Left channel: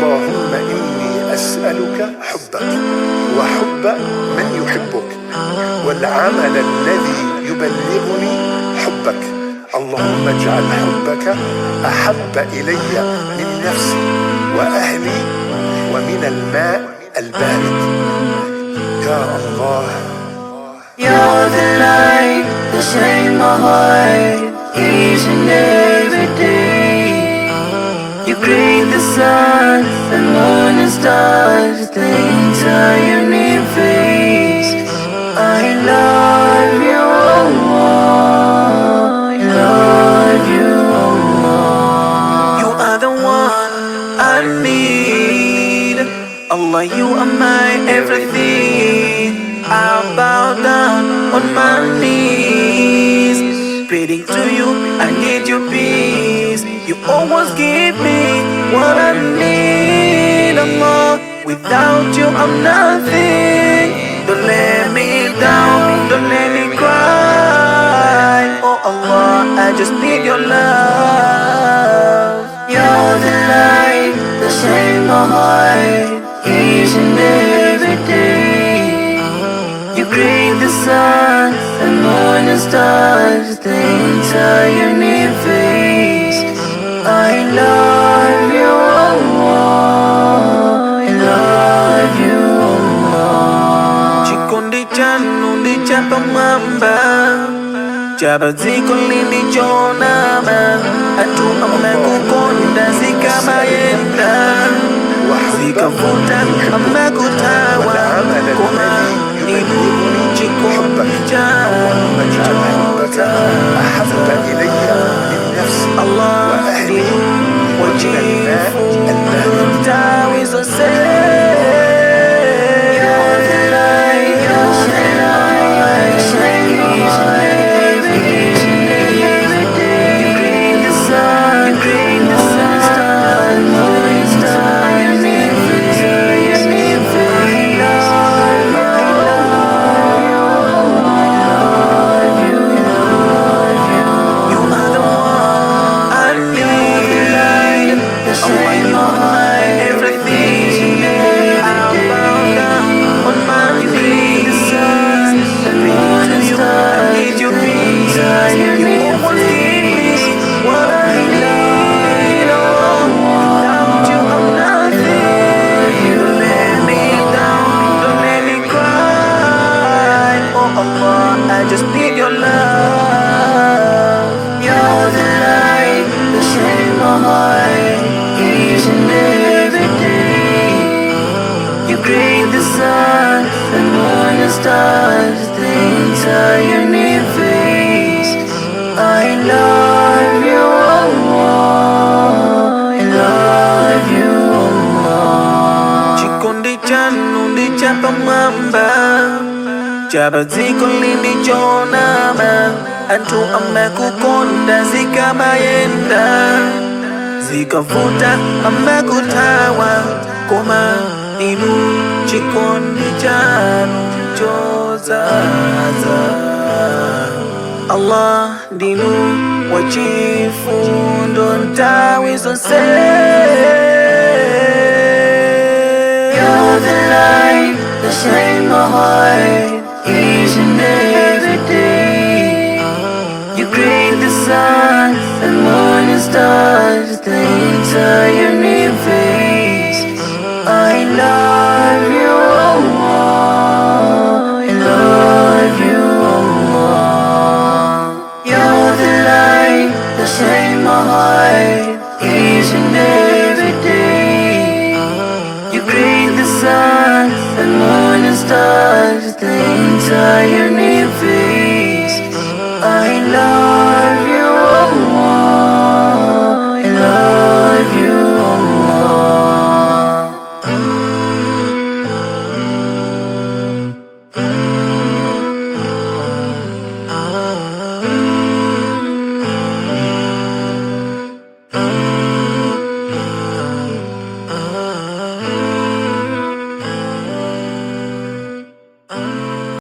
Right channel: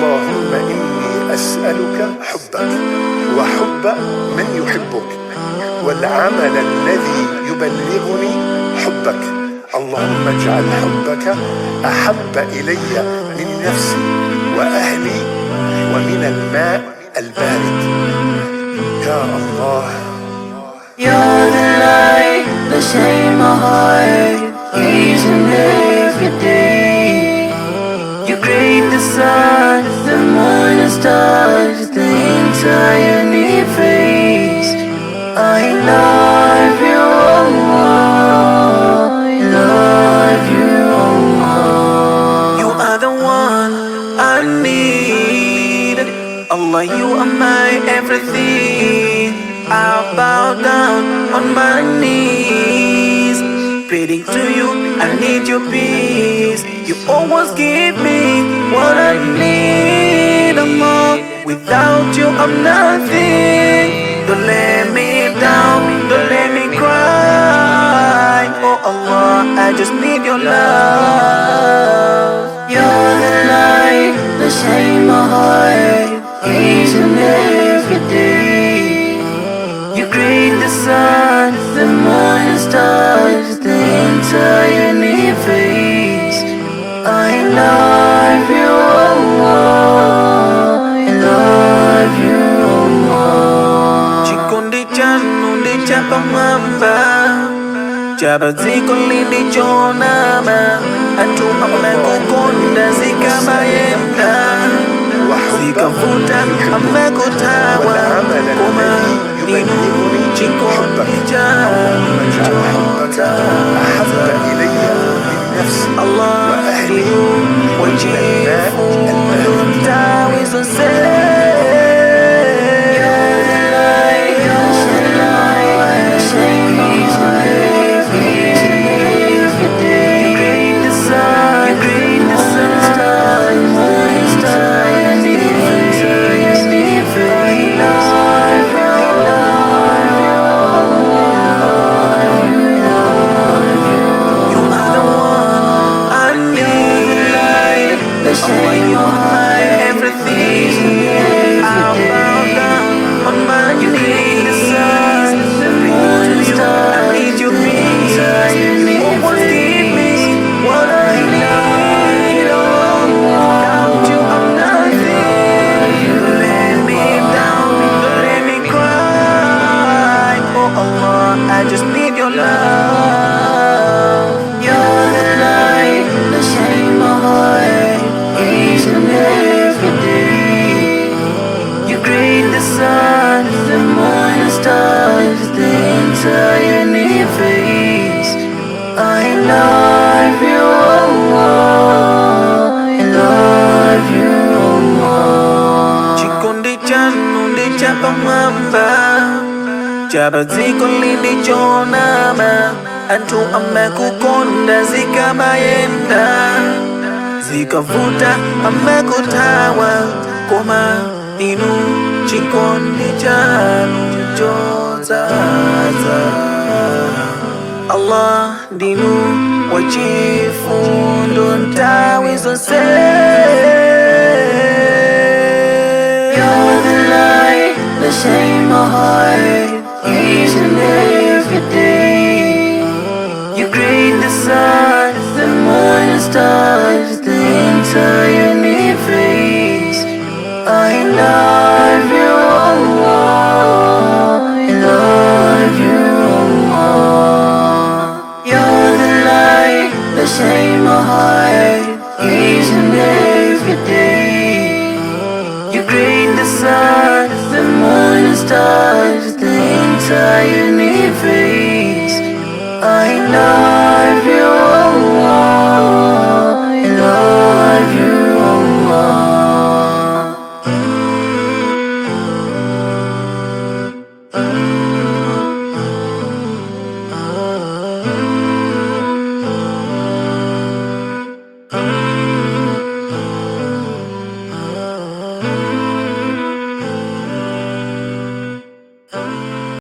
اللهم إني أسألك حبك وحب من يحبك والعمل الذي يبلغني حبك. اللهم اجعل حبك أحب إلي من نفسي وأهلي ومن الماء البارد. يا الله. You're the light that shines my heart each and every day. You create the sun, the moon and stars, the entire universe. I love you, Allah. I love you, Allah. You are the one I need. Allah, you are my everything. I bow down on my knees, praying to you, I need your peace. You always give me what I need, Allah. Without you, I'm nothing. Don't let me down, don't let me cry. Oh Allah, I just need your love. You're the light that shines my heart each and every day. You create the sun, the moon and stars, the entire universe. I love you, Allah. I love you, Allah. Chikondi chanu ndi chapamwamba, chabaziko lindi chonama, antu amekukonda zikamayenda, zikavuta amekutawa, koma inu chikondi chanu chota. أحب إلي من نفسي وأهلي ومن الماء البارد. I just need your love. You're the light that shines my heart each and every day. You create the sun, the moon and stars, the entire universe. I love you, Allah. I love you, Allah. Chikondi chanu ndi chapamwamba, chabaziko lindi chonama, antu amekukonda zikamayenda, zikavuta amekutawa, koma inu chikondi chanu chozaza. Allah ndinu wachifundo ntawi zonse. You're the light that shines my heart each and every day. You create the sun, the moon and stars, the entire universe. I love you, Allah. I love you, Allah. You're the light that shines my heart each and every day. You create the sun, the moon and stars, the entire universe. I love